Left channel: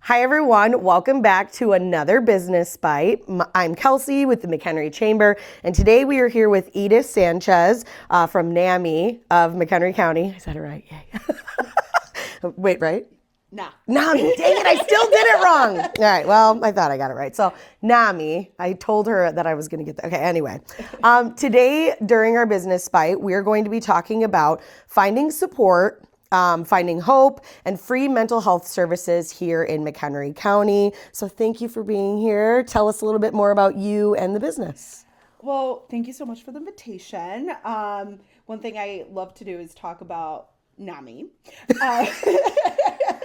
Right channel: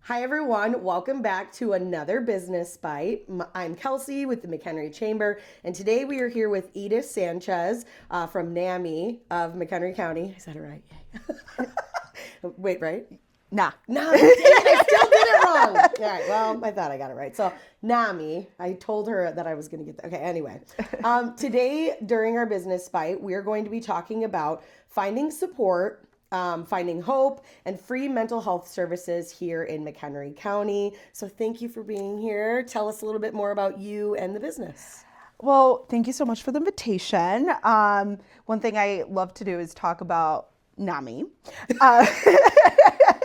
Hi everyone, welcome back to another Business Bite. I'm Kelsey with the McHenry Chamber, and today we are here with Edith Sanchez from NAMI of McHenry County. Is that right? Yeah. Wait, right? Nah. No, dang it, I still did it wrong. All right, well, I thought I got it right. So NAMI, I told her that I was gonna get that. Okay, anyway. Today, during our Business Bite, we're going to be talking about finding support, finding hope, and free mental health services here in McHenry County. So thank you for being here. Tell us a little bit more about you and the business. Well, thank you so much for the invitation. One thing I love to do is talk about NAMI.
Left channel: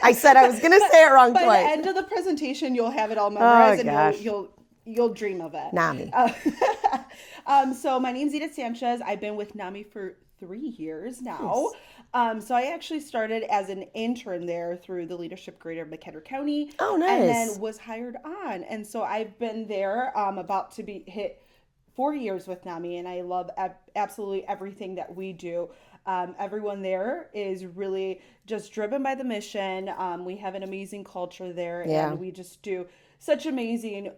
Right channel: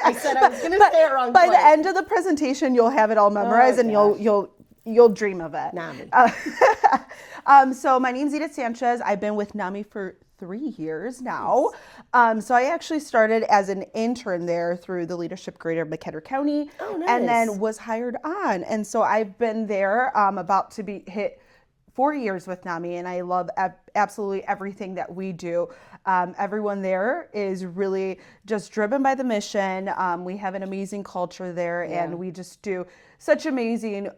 I said I was going to say it wrong By twice. the end of the presentation, you'll have it all memorized, and you'll dream of it. NAMI. So my name's Edith Sanchez. I've been with NAMI for 3 years now. So I actually started as an intern there through the leadership grade of McHenry County. Oh, nice. And then was hired on. And so I've been there about to be hit 4 years with NAMI, and I love absolutely everything that we do. Everyone there is really just driven by the mission. We have an amazing culture there, and we just do such amazing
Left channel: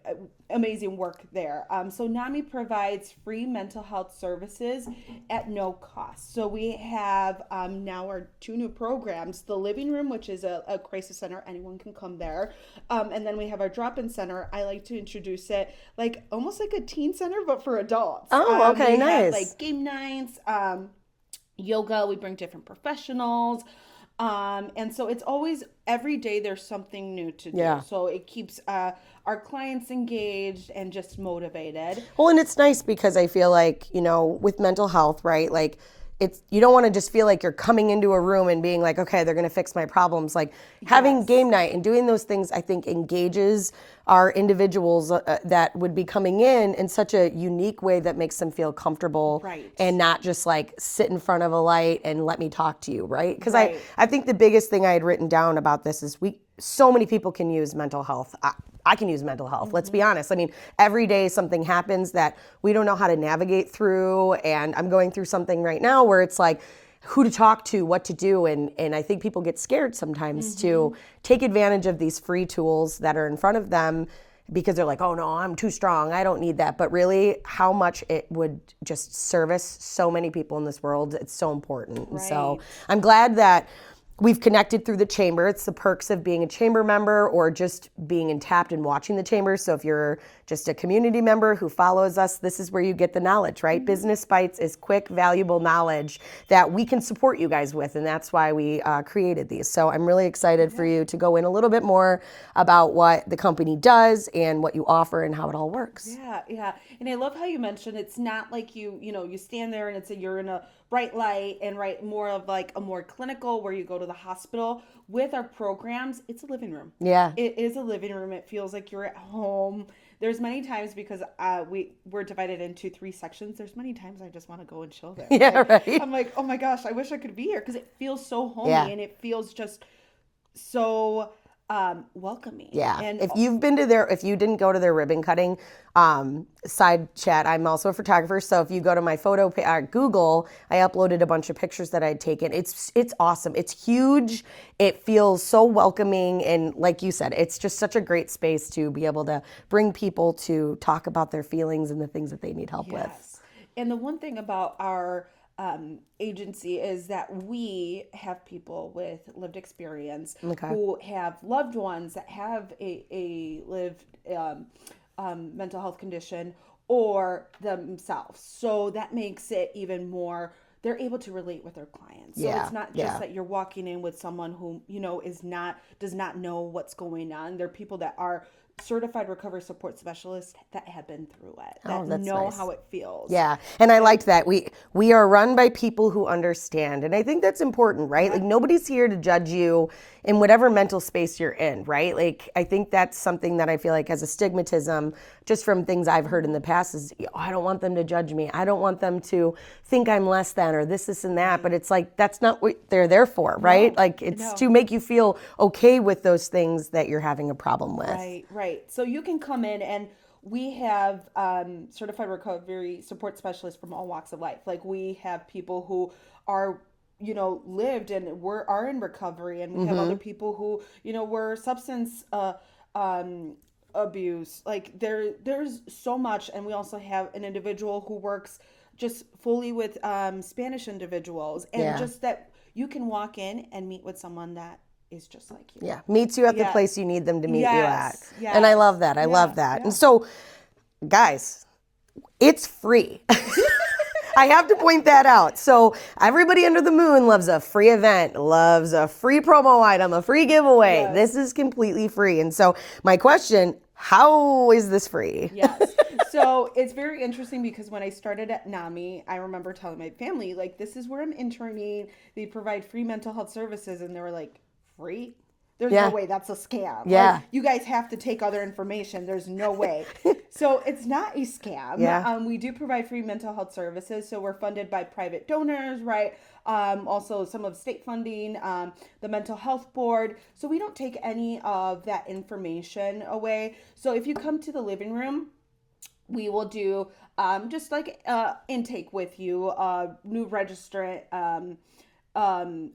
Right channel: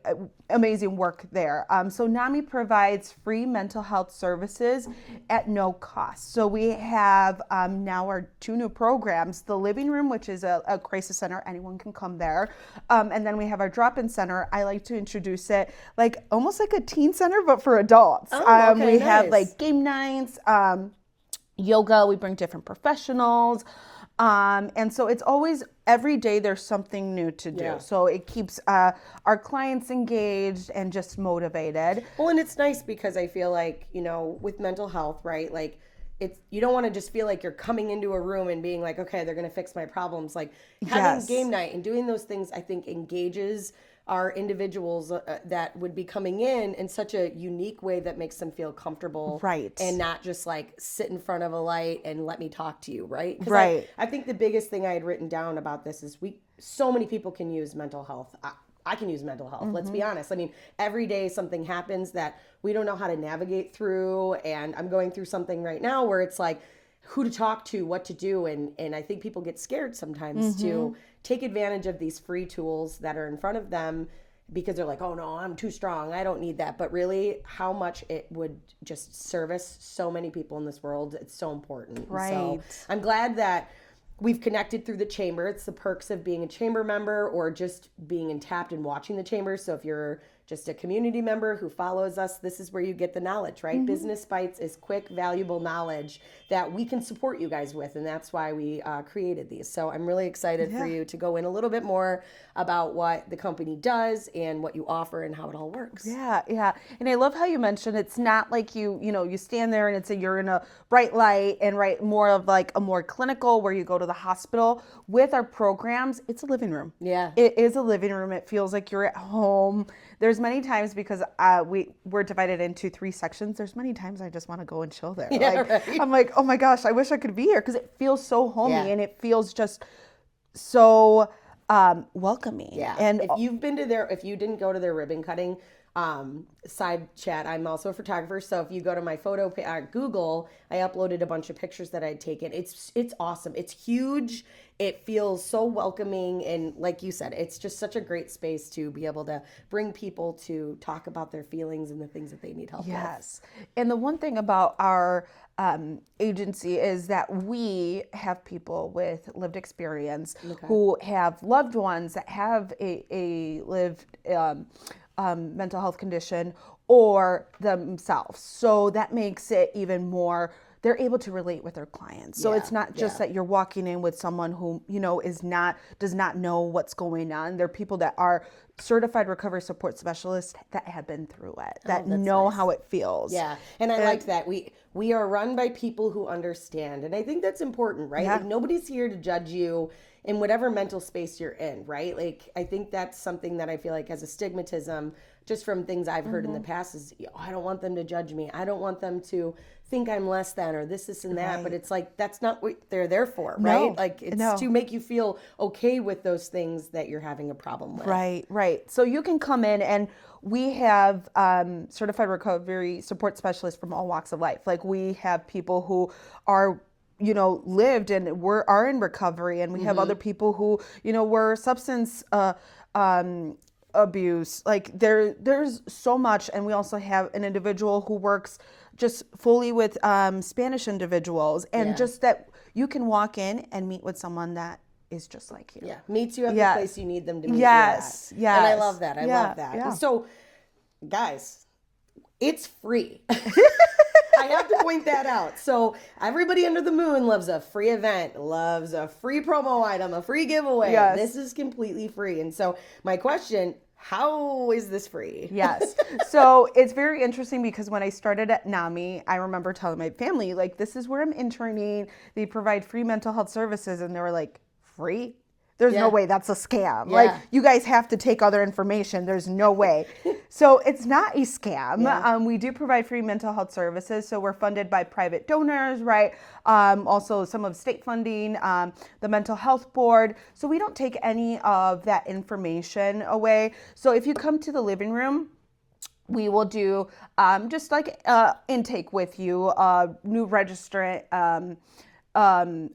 work there. So NAMI provides free mental health services at no cost. So we have now our 2 new programs, the Living Room, which is a crisis center, anyone can come there. And then we have our drop-in center. I like to introduce it like almost like a teen center, but for adults. Oh, okay, we nice. have like game nights, yoga, we bring different professionals. And so it's always, every day there's something new to do. Yeah. So it keeps our clients engaged and just motivated. Well, and it's nice because I feel like, you know, with mental health, right? Like, you don't want to just feel like you're coming into a room and being like, okay, they're going to fix my problems. Like having game night and doing those things, I think engages our individuals that would be coming in such a unique way that makes them feel comfortable. Right. And not just like sit in front of a light and let me talk to you, right? Because Right. I think the biggest thing I had written down about this is so many people can use mental health. I can use mental health. Let's be honest. I mean, every day something happens that we don't know how to navigate through. And I'm going through something right now where it's like who to talk to, what to do. And I think people get scared sometimes to take advantage of these free tools that are in front of them because they're like, oh no, I'm too strong. I don't need that. But really how much it would just service so many people in this world. It's so important. Right. So I'm glad that we've connected through the chamber. It's the perks of being a chamber member or just being in Tapped and watching the chamber. So if you're just a community member who follows us, this is where you get the knowledge, right? Business Bites is quick, valuable knowledge that we can support you guys with, and that's why we created these. So I'm really excited for you to go in a little bit more about what the company does and what you offer and how it all works. Yeah, yeah. And I love how you mentioned it's not like you stand there and you're in a bright light and more of like a more clinical where you go to the hospital. With our programs, it's a living room. Yeah. It is a living room. It feels like you're at home. There's many times because we're divided into 3 sections. There's many times I just want to go and chill there. Yeah, right. I'm like, oh my gosh, I wish I could be here because it feels so homey and it feels just so welcoming. Yeah. And if you didn't go to their ribbon cutting side chat, I'm also a photographer. So if you go to my photo Google, I uploaded a bunch of pictures that I'd taken. It's awesome. It's huge. It feels so welcoming. And like you said, it's just such a great space to be able to bring people to talk about their feelings and the things that they need help with. Yes. And the one thing about our agency is that we have people with lived experience who have loved ones that have a lived mental health condition or themselves. So that makes it even more, they're able to relate with their clients. So it's not just that you're walking in with someone who, does not know what's going on. They're people that are certified recovery support specialists that have been through it, that know nice. how it feels. Yeah, and I liked that. We are run by people who understand, and I think that's important, right? Like nobody's here to judge you in whatever mental space you're in, right? Like I think that's something that I feel like has a stigmatism just from things I've heard in the past is, I don't want them to judge me. I don't want them to think I'm less than or this and that. But it's like, that's not what they're there for, right? Like it's to make you feel okay with those things that you're having a problem with. Right, right. So you can come in and we have certified recovery support specialists from all walks of life. Like we have people who are lived and are in recovery, and we have other people who, were substance abuse. Like there's so much. And we also have an individual who works just fully with Spanish individuals, and just that you can walk in and meet with someone that is just like you. Yeah, meets you at the place you need them to meet Yes, you at. And I love that. I love that. Yeah. And so, guys, it's free. I have to point that out. So everybody under the moon loves a free event, loves a free promo item, a free giveaway. Yes. This is completely free. And so my question, how is this free? Yes. So it's very interesting because when I started at NAMI, I remember telling my family, like, this is where I'm interning. They provide free mental health services. And they were like, free? There's no way, that's a scam. Yeah. Like, you guys have to take other information. There's no way. So it's not a scam. Yeah. We do provide free mental health services. So we're funded by private donors, right? Also some of state funding, the mental health board. So we don't take any of that information away. So if you come to the living room, we will do just like intake with you, new registrant,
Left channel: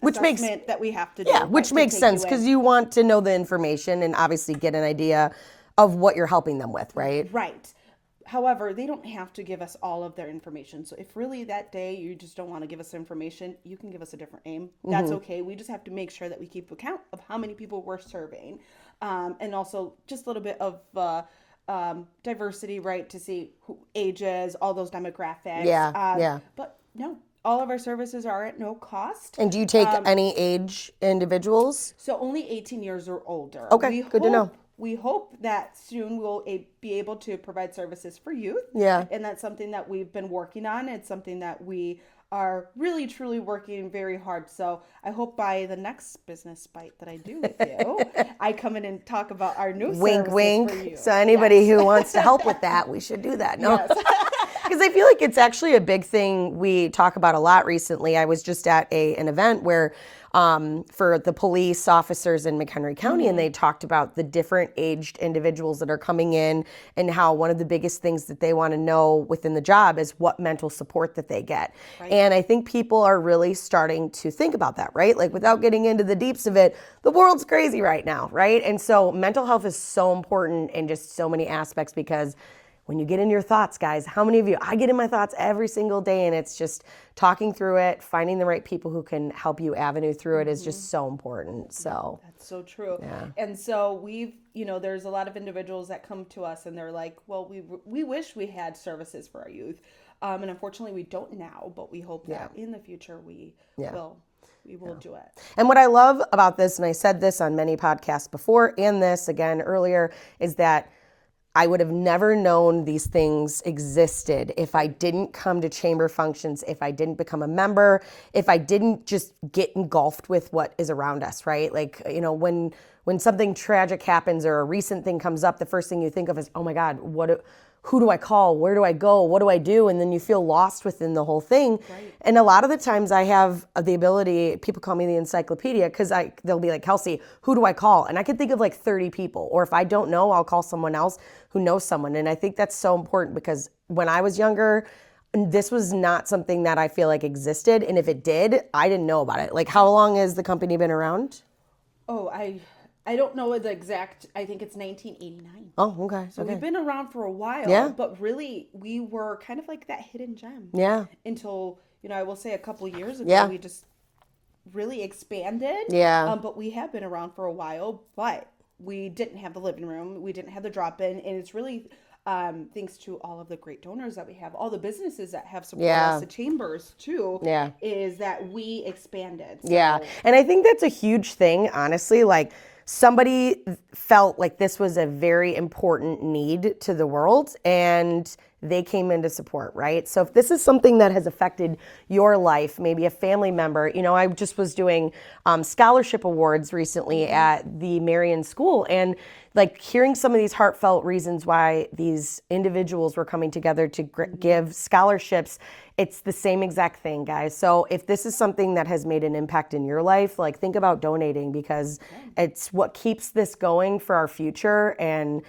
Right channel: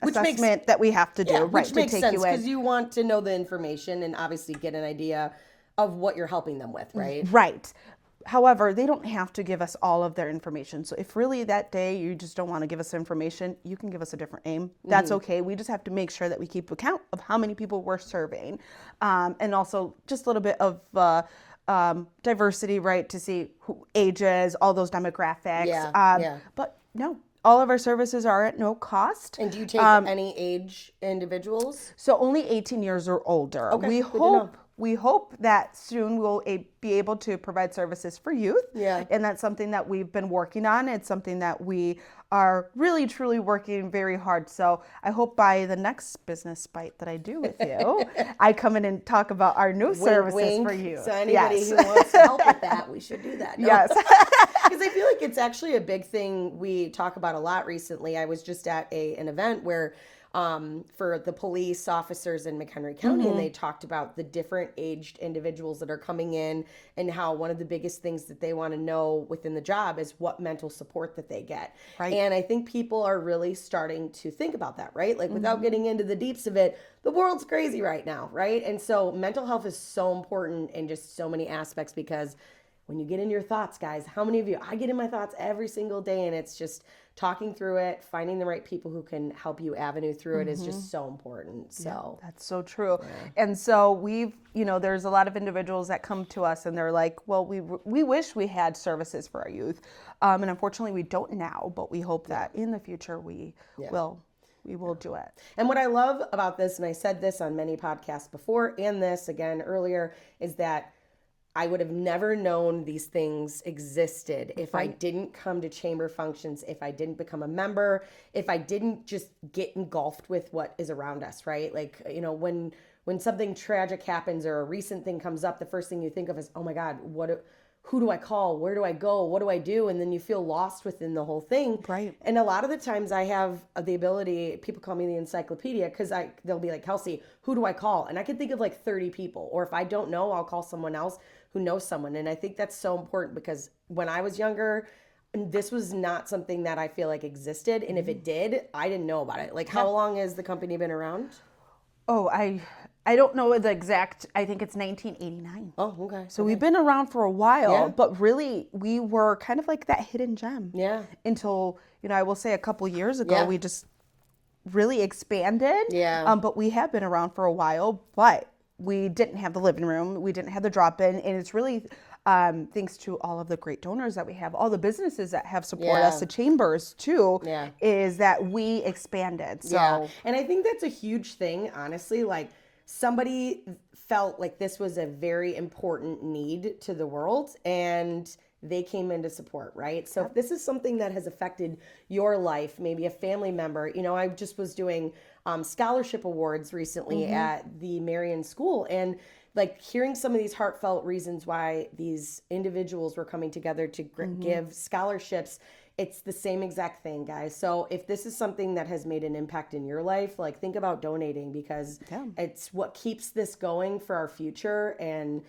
Which assessment that we have to do. Yeah, right, which to makes take sense you in. because you want to know the information and obviously get an idea of what you're helping them with, right? Right. However, they don't have to give us all of their information. So if really that day you just don't want to give us information, you can give us a different name. That's okay. We just have to make sure that we keep account of how many people we're serving. And also just a little bit of diversity, right, to see who ages, all those demographics. Yeah. But no, all of our services are at no cost. And do you take any age individuals? So only 18 years or older. Okay, good to know. We hope that soon we'll be able to provide services for youth. Yeah. And that's something that we've been working on. It's something that we are really, truly working very hard. So I hope by the next business bite that I do with you, I come in and talk about our new services Wink. for you. So anybody who wants to help with that, we should do that. No? Yes. Because I feel like it's actually a big thing we talk about a lot recently. I was just at an event where for the police officers in McHenry County, and they talked about the different aged individuals that are coming in and how one of the biggest things that they want to know within the job is what mental support that they get. Right. And I think people are really starting to think about that, right? Like without getting into the deeps of it, the world's crazy right now, right? And so mental health is so important in just so many aspects because when you get in your thoughts, guys, how many of you, I get in my thoughts every single day, and it's just talking through it, finding the right people who can help you avenue through it is just so important. So that's so true. And so there's a lot of individuals that come to us and they're like, well, we wish we had services for our youth. And unfortunately we don't now, but we hope that in the future we will do it. And what I love about this, and I said this on many podcasts before and this again earlier, is that I would have never known these things existed if I didn't come to chamber functions, if I didn't become a member, if I didn't just get engulfed with what is around us, right? Like, when something tragic happens or a recent thing comes up, the first thing you think of is, oh my God, who do I call? Where do I go? What do I do? And then you feel lost within the whole thing. Right. And a lot of the times I have the ability, people call me the encyclopedia, because they'll be like, Kelsey, who do I call? And I can think of like 30 people. Or if I don't know, I'll call someone else who knows someone. And I think that's so important because when I was younger, this was not something that I feel like existed. And if it did, I didn't know about it. Like, how long has the company been around? Oh, I don't know the exact, I think it's 1989. Oh, okay. So we've been around for a while, Yeah. but really we were kind of like that hidden gem. Yeah. Until, I will say a couple years ago, Yeah. we just really expanded. Yeah. But we have been around for a while, but we didn't have the living room. We didn't have the drop-in. And it's really thanks to all of the great donors that we have, all the businesses that have supported us, the chambers too, is that we expanded. So. Yeah. And I think that's a huge thing, honestly. Like, somebody felt like this was a very important need to the world and they came in to support, right? So if this is something that has affected your life, maybe a family member, I just was doing scholarship awards recently at the Marion School, and like hearing some of these heartfelt reasons why these individuals were coming together to give scholarships, it's the same exact thing, guys. So if this is something that has made an impact in your life, like think about donating because it's what keeps this going for our future. And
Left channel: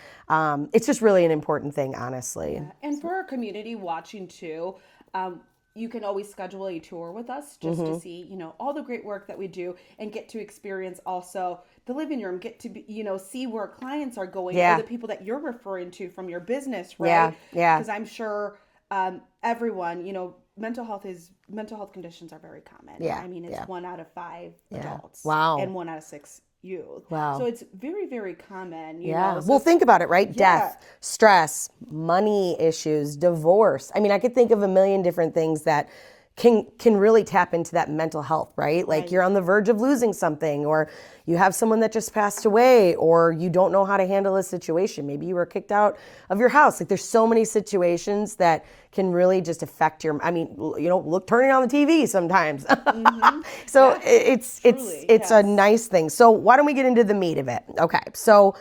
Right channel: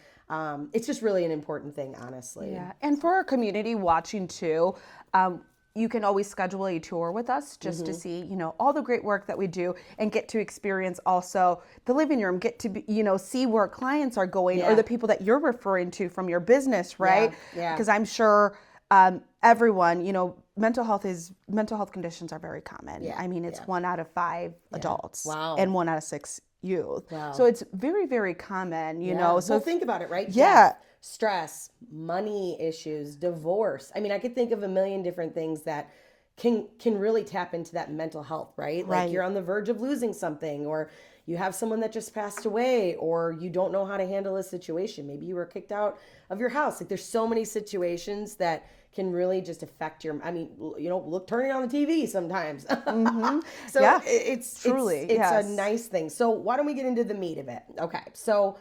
it's just really an important thing, honestly. Yeah. And for our community watching too, you can always schedule a tour with us just to see, all the great work that we do and get to experience also the living room, get to, see where clients are going or the people that you're referring to from your business, right? Yeah. Because I'm sure everyone, mental health conditions are very common. Yeah. I mean, it's 1 out of 5 adults and 1 out of 6 youth. Wow. So it's very, very common, So well, think about it, right? Yeah. Death, stress, money issues, divorce. I mean, I could think of a million different things that can really tap into that mental health, right? Like you're on the verge of losing something, or you have someone that just passed away, or you don't know how to handle a situation. Maybe you were kicked out of your house. Like there's so many situations that can really just affect your, turning on the TV sometimes. So it's a nice thing. So why don't we get into the meat of it? Okay. So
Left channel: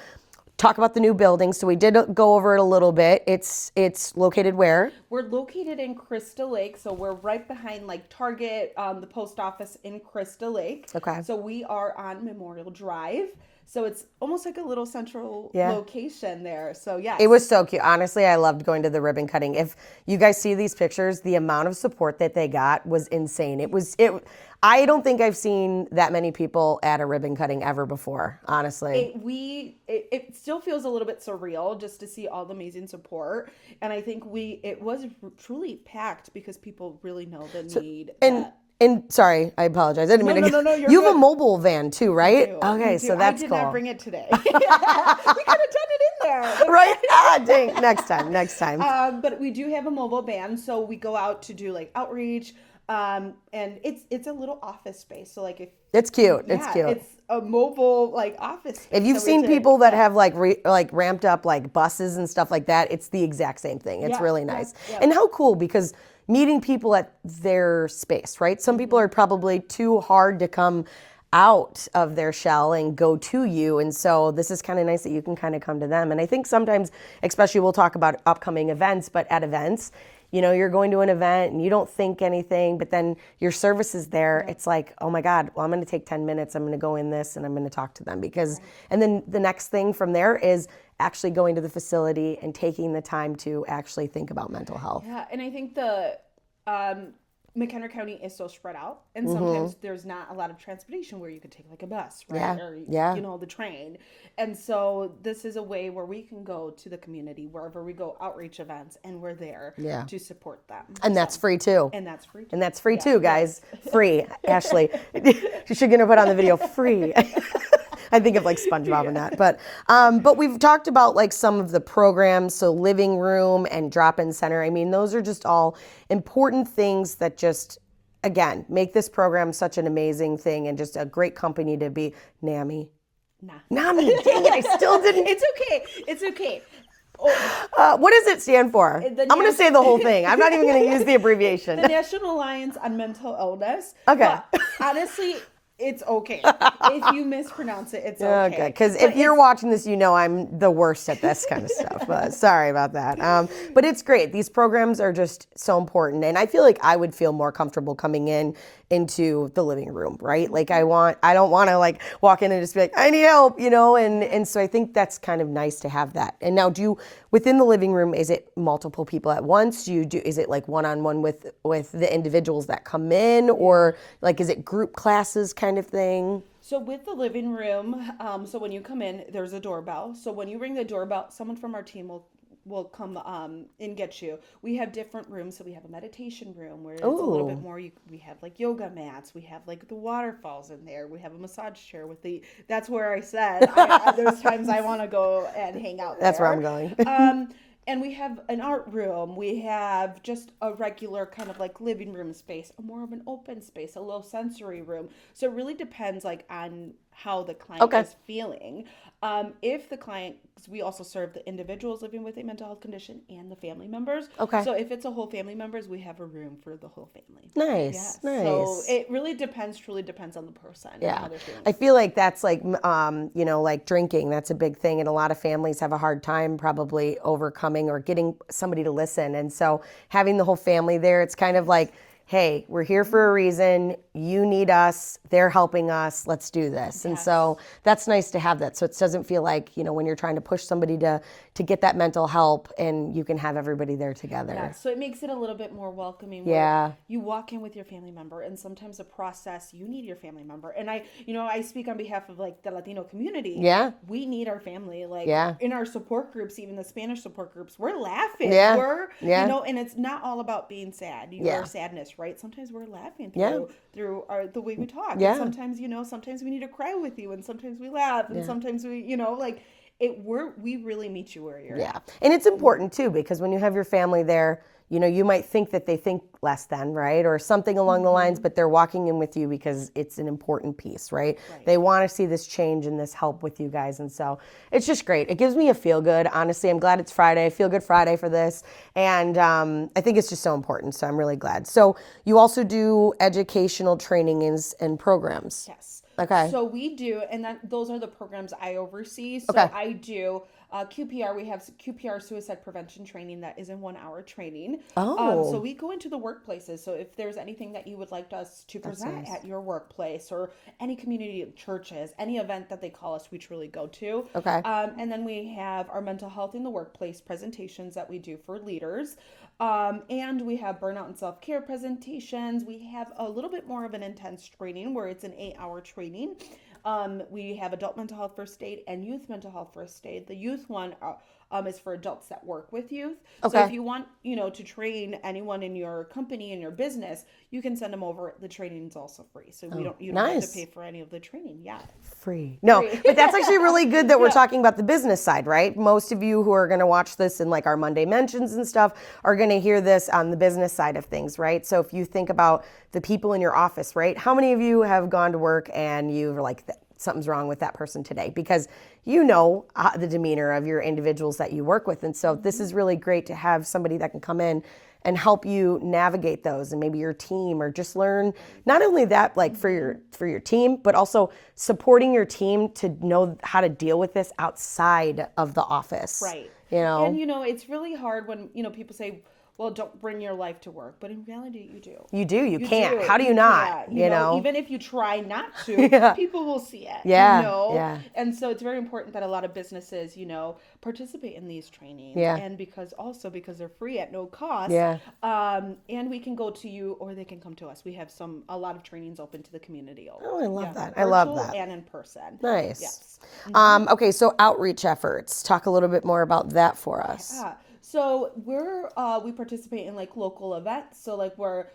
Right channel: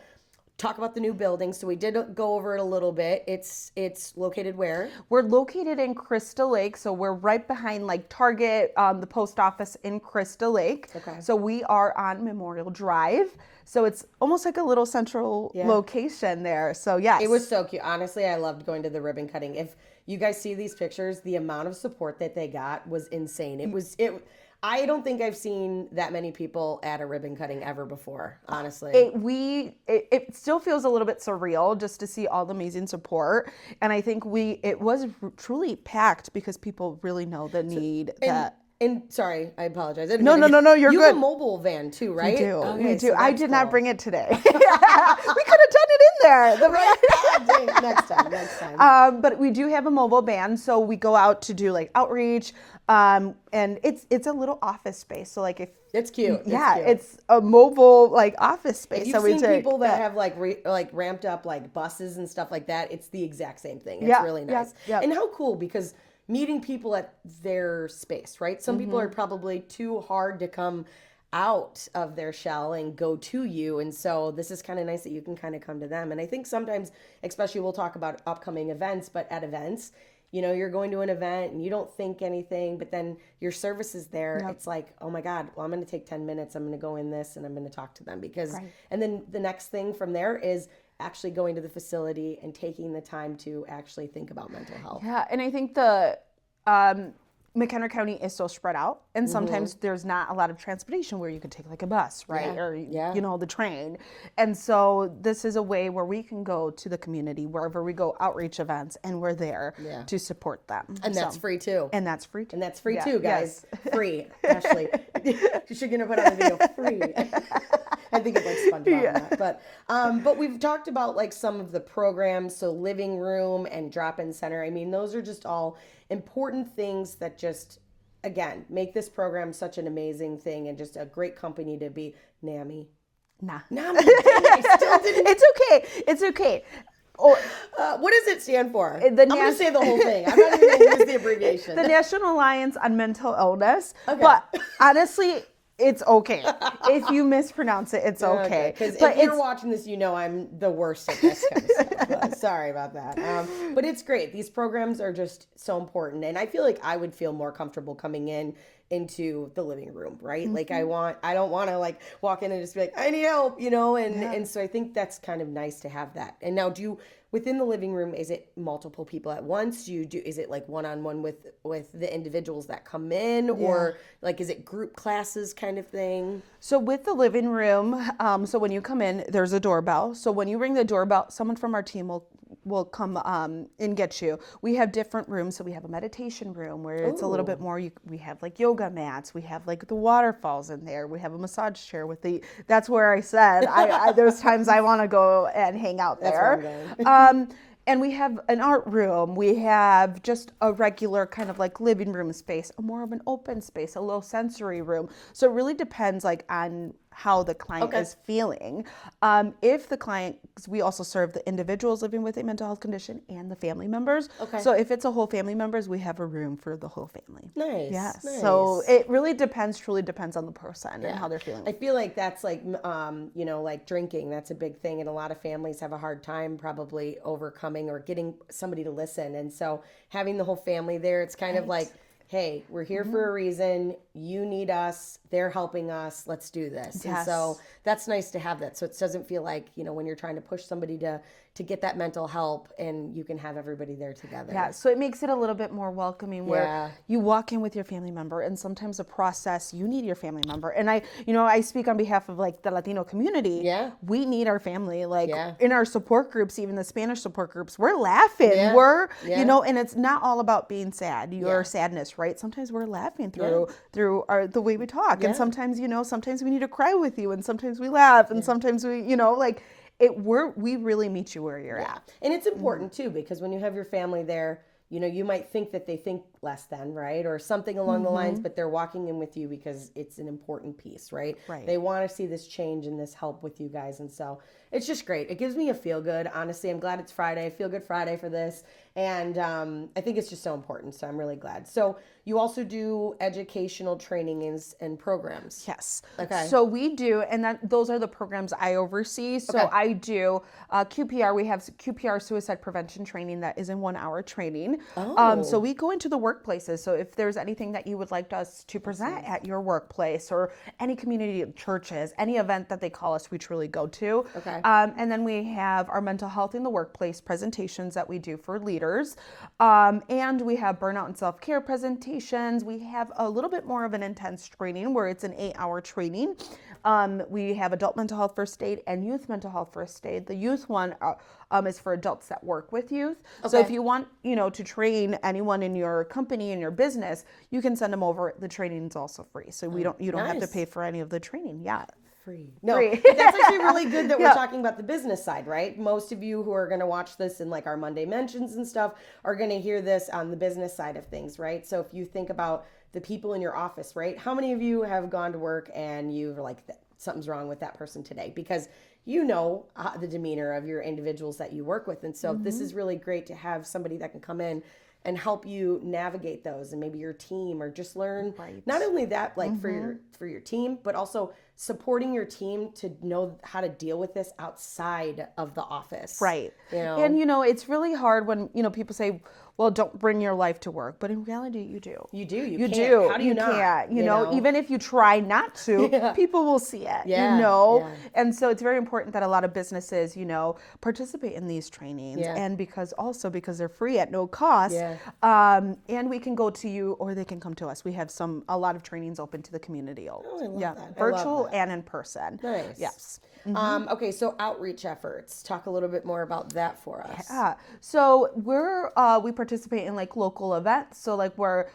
talk about the new building. So we did go over it a little bit. It's located where? We're located in Crystal Lake. So we're right behind like Target, the post office in Crystal Lake. Okay. So we are on Memorial Drive. So it's almost like a little central location there. So yes. It was so cute. Honestly, I loved going to the ribbon cutting. If you guys see these pictures, the amount of support that they got was insane. I don't think I've seen that many people at a ribbon cutting ever before, honestly. It still feels a little bit surreal just to see all the amazing support. And I think it was truly packed because people really know the need. And sorry, I apologize. No, you're You good. have a mobile van too, right? We do. Okay, we do. so I did not bring it today. We could have done it in there. Right? Dang. Next time. But we do have a mobile van, so we go out to do like outreach, and it's a little office space. So like if it's cute. It's a mobile like office space. If you've seen people that have like ramped up like buses and stuff like that, it's the exact same thing. It's really nice. And how cool, because meeting people at their space, right? Some people are probably too hard to come out of their shell and go to you. And so this is kind of nice that you can kind of come to them. And I think sometimes, especially we'll talk about upcoming events, but at events, you're going to an event and you don't think anything, but then your service is there. It's like, oh my God, well, I'm going to take 10 minutes. I'm going to go in this and I'm going to talk to them and then the next thing from there is actually going to the facility and taking the time to actually think about mental health. Yeah, and I think the McHenry County is so spread out, and sometimes there's not a lot of transportation where you could take like a bus, right? Or the train. And so this is a way where we can go to the community wherever we go, outreach events, and we're there to support them. And that's free too. And that's free too. And that's free too, guys. Free. Ashley, you should put on the video free. I think of like SpongeBob in that. But we've talked about like some of the programs, so living room and drop-in center. I mean, those are just all important things that just, again, make this program such an amazing thing and just a great company to be. NAMI. NAMI. Dang, I still didn't. It's okay. What does it stand for? I'm going to say the whole thing. I'm not even going to use the abbreviation. The National Alliance on Mental Illness. Okay. But honestly, it's okay. If you mispronounce it, it's okay. Because if you're watching this, I'm the worst at this kind of stuff. But sorry about that. But it's great. These programs are just so important. And I feel like I would feel more comfortable coming into the living room, right? Like I don't want to like walk in and just be like, I need help, and so I think that's kind of nice to have that. And now within the living room, is it multiple people at once? Is it like one-on-one with the individuals that come in, or like, is it group classes kind of thing? So with the living room, so when you come in, there's a doorbell. So when you ring the doorbell, someone from our team will come and get you. We have different rooms. So we have a meditation room where it's a little bit more, we have like yoga mats. We have like the waterfalls in there. We have a massage chair that's where I said, there's times I want to go and hang out there. That's where I'm going. And we have an art room. We have just a regular kind of like living room space, more of an open space, a low sensory room. So it really depends like on how the client is feeling. If the client, because we also serve the individuals living with a mental health condition and the family members. Okay. So if it's a whole family members, we have a room for the whole family. Nice. Yes. Nice. So it really truly depends on the person and how they're feeling. I feel like that's like, like drinking. That's a big thing. And a lot of families have a hard time probably overcoming or getting somebody to listen. And so having the whole family there, it's kind of like, hey, we're here for a reason. You need us. They're helping us. Let's do this. Yes. And so that's nice to have that. So it doesn't feel like, when you're trying to push somebody to, to get that mental help, and you can have everybody there together. Yeah, so it makes it a little bit more welcoming where Yeah. you walk in with your family member, and sometimes the process, you need your family member. And I speak on behalf of like the Latino community. Yeah. We need our family. Like Yeah. in our support groups, even the Spanish support groups, we're laughing. Yeah. We're, Yeah. and it's not all about being sad, your sadness, right? Sometimes we're laughing through the way we talk. Yeah. And sometimes, sometimes we need to cry with you, and sometimes we laugh, and sometimes we, we really meet you where you're at. And it's important too, because when you have your family there, you might think that they think less than, right? Or something along the lines, but they're walking in with you because it's an important piece, right? They want to see this change and this help with you guys. And so it's just great. It gives me a feel good. Honestly, I'm glad it's Friday. Feel good Friday for this. And I think it's just so important. So I'm really glad. So you also do educational trainings and programs. Yes. Okay. So we do, and those are the programs I oversee. So I do QPR. We have QPR suicide prevention training that is in 1 hour training. So we go into the workplaces. So if there's anything that you would like us to present at your workplace or any community churches, any event that they call us, we truly go to. Okay. And then we have our mental health in the workplace presentations that we do for leaders. And we have burnout and self-care presentations. We have a little bit more of an intense training where it's an 8 hour training. We have adult mental health first aid and youth mental health first aid. The youth one is for adults that work with youth. So if you want, to train anyone in your company, in your business, you can send them over. The training is also free. So you don't have to pay for any of the training. Yeah. Free. No, but that's actually really good that we're talking about the business side, right? Most of you who are going to watch this in like our Monday mentions and stuff are going to hear this on the business side of things, right? So if you think about the people in your office, right? How many of you have gone to work and you're like, something's wrong with that person today? Because the demeanor of your individuals that you work with. And so this is really great to have somebody that can come in and help you navigate those, and maybe your team, or just learn not only that, like for your team, but also supporting your team to know how to deal with this outside of the office. Right. And it's really hard when, people say, well, don't bring your life to work. But in reality, you do. You do. You can't. How do you not? You know, even if you try not to, people will see it. Yeah. And so it's very important that a lot of businesses, participate in these trainings. Yeah. And because they're free at no cost. Yeah. And we can go to you, or they can come to us. We have a lot of trainings open to the community. Oh, I love that. Virtual I love that. and in person. Nice. Yes. Okay, so outreach efforts. Talk a little bit more about that for us. So we participate in like local events. So like where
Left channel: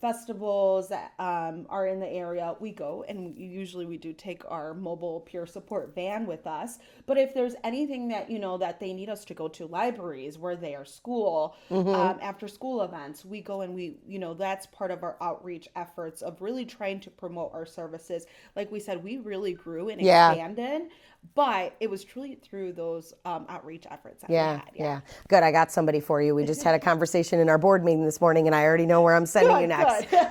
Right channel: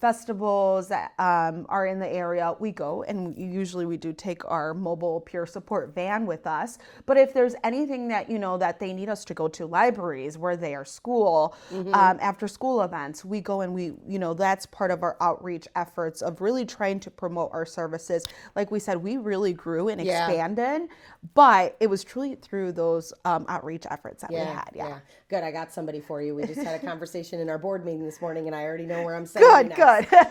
festivals that are in the area, we go, and usually we do take our mobile peer support van with us. But if there's anything that that they need us to go to, libraries where they are school, after school events, we go, and we that's part of our outreach efforts of really trying to promote our services. Like we said, we really grew and expanded, but it was truly through those outreach efforts that we had. Yeah. Good. I got somebody for you. We just had a conversation in our board meeting this morning, and I already know where I'm sending you next. Good.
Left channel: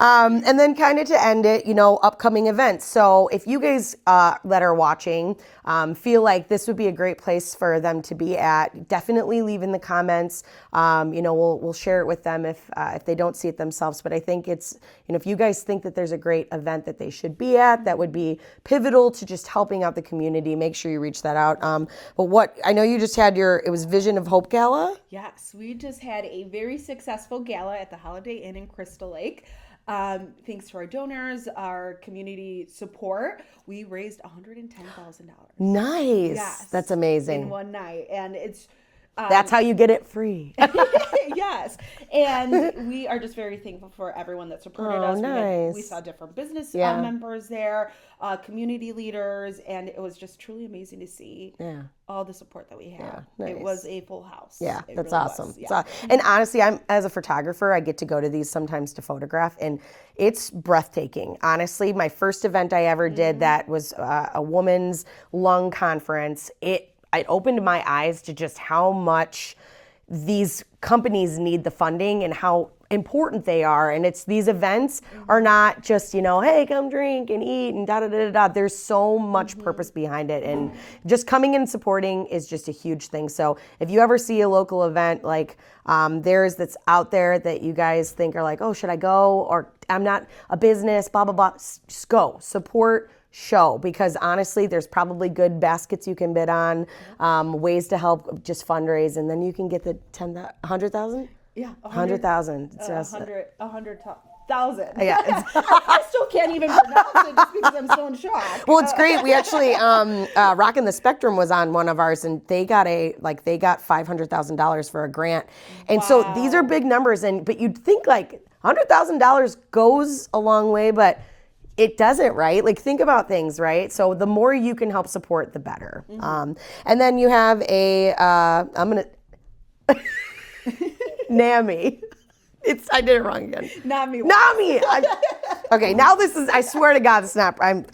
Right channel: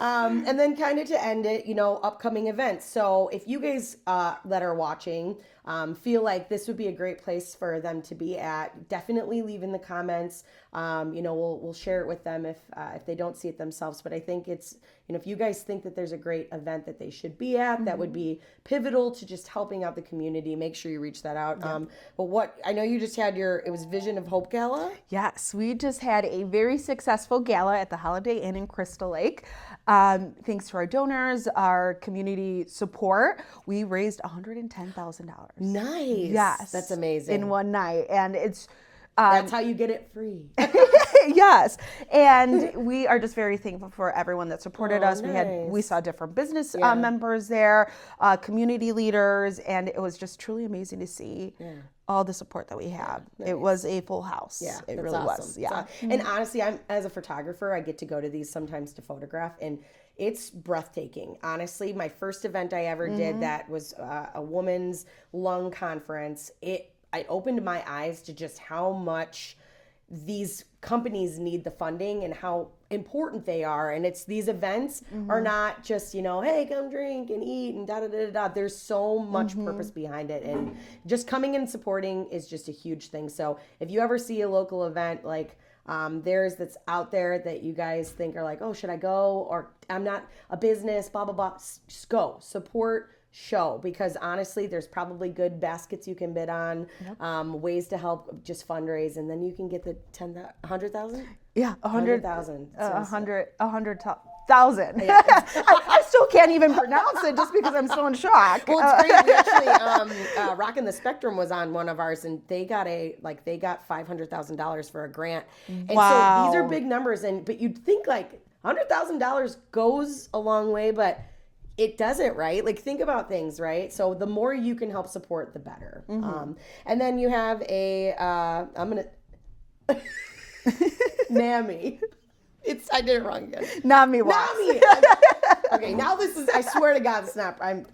And then kind of to end it, upcoming events. So if you guys that are watching feel like this would be a great place for them to be at, definitely leave in the comments. We'll share it with them if they don't see it themselves. But I think it's, if you guys think that there's a great event that they should be at, that would be pivotal to just helping out the community, make sure you reach that out. But I know you just had it was Vision of Hope Gala? Yes, we just had a very successful gala at the Holiday Inn in Crystal Lake. Thanks to our donors, our community support, we raised $110,000. Nice. Yes. That's amazing. In one night. And it's... That's how you get it free. Yes. And we are just very thankful for everyone that supported us. Nice. We saw different business members there, community leaders, and it was just truly amazing to see all the support that we have. Nice. It was a full house. Yeah, it that's really awesome. was. Yeah. And honestly, as a photographer, I get to go to these sometimes to photograph, and it's breathtaking. Honestly, my first event I ever did that was a woman's lung conference. It opened my eyes to just how much these companies need the funding and how important they are. And it's these events are not just, hey, come drink and eat and da-da-da-da-da. There's so much purpose behind it. And just coming and supporting is just a huge thing. So if you ever see a local event like theirs that's out there that you guys think are like, oh, should I go? Or I'm not a business, blah, blah, blah. Just go. Support show, because honestly, there's probably good baskets you can bid on, ways to help just fundraise, and then you can get the 100,000? Yeah, 100,000. 100,000. Yeah, I still can't even pronounce it just because I'm so in shock. well, it's great. We actually, Rockin' the Spectrum was on one of ours, and they got $500,000 for a grant. And so these are big numbers, but you'd think like $100,000 goes a long way, but it doesn't, right? Like, think about things, right? So the more you can help support, the better. And then you have NAMI. I did it wrong again. NAMI. Okay, now this is, I swear to God,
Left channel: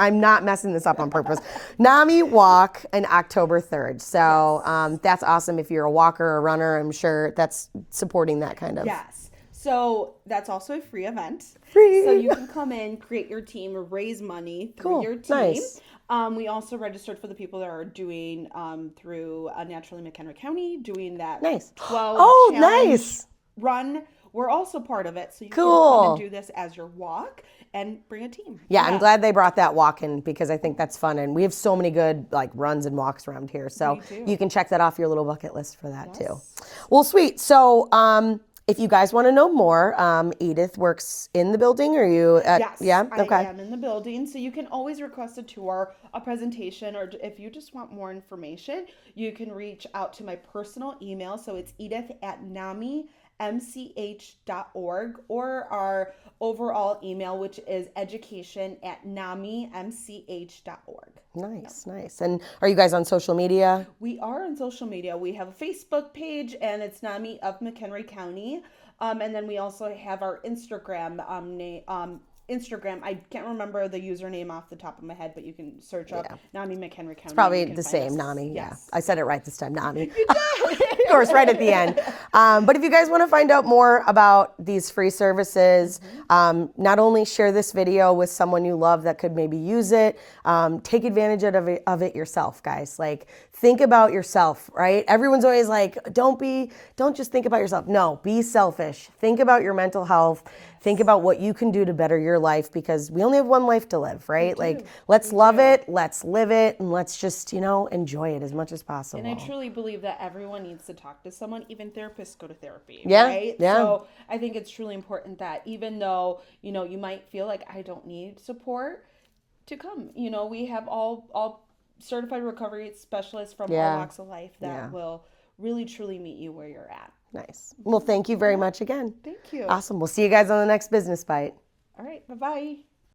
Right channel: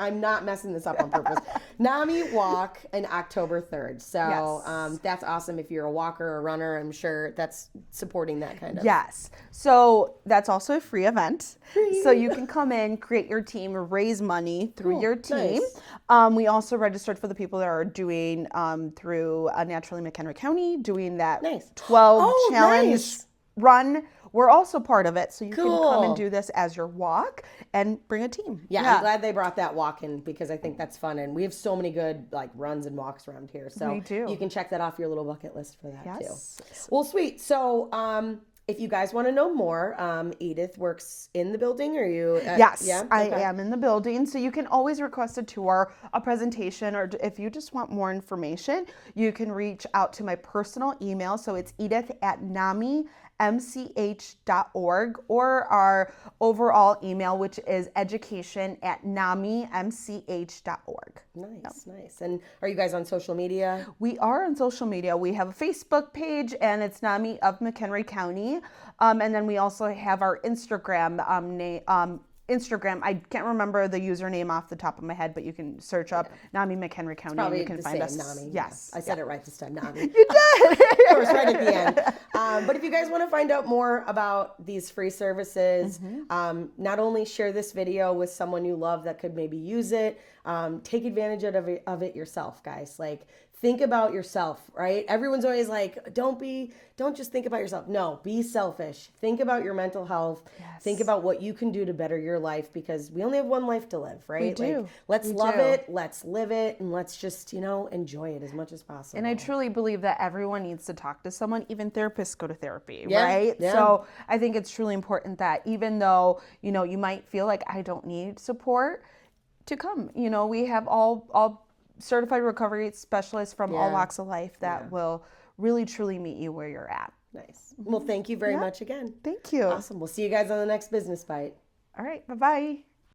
I'm not messing this up on purpose. NAMI Walk on October 3rd. So that's awesome. If you're a walker or a runner, I'm sure that's supporting that kind of. Yes. So that's also a free event. So you can come in, create your team, raise money through your team. Nice. We also registered for the people that are doing through Naturally McHenry County, doing that 12 challenge run. We're also part of it, so you can come and do this as your walk and bring a team. Yeah, I'm glad they brought that walk in, because I think that's fun, and we have so many good like runs and walks around here. So you can check that off your little bucket list for that too. Well, sweet. So if you guys want to know more, Edith works in the building. Are you? Yes, I am in the building. So you can always request a tour, a presentation, or if you just want more information, you can reach out to my personal email. So it's edith@namimch.org, or our overall email, which is education@namimch.org. Nice. And are you guys on social media? We are on social media. We have a Facebook page, and it's NAMI of McHenry County. And then we also have our Instagram Instagram. I can't remember the username off the top of my head, but you can search up NAMI McHenry County. It's probably the same, NAMI. Yes. I said it right this time, NAMI. You did. Of course, right at the end. But if you guys want to find out more about these free services, not only share this video with someone you love that could maybe use it, take advantage of it yourself, guys. Like, think about yourself, right? Everyone's always like, don't just think about yourself. No, be selfish. Think about your mental health. Think about what you can do to better your life, because we only have one life to live, right? Like, let's love it, let's live it, and let's just, enjoy it as much as possible. And I truly believe that everyone needs to talk to someone. Even therapists go to therapy, Yeah, right? yeah. So I think it's truly important that even though, you might feel like I don't need support, to come. We have all certified recovery specialists from all walks of life that will really truly meet you where you're at. Nice. Well, thank you very much again. Thank you. Awesome. We'll see you guys on the next Business Bite. All right. Bye-bye.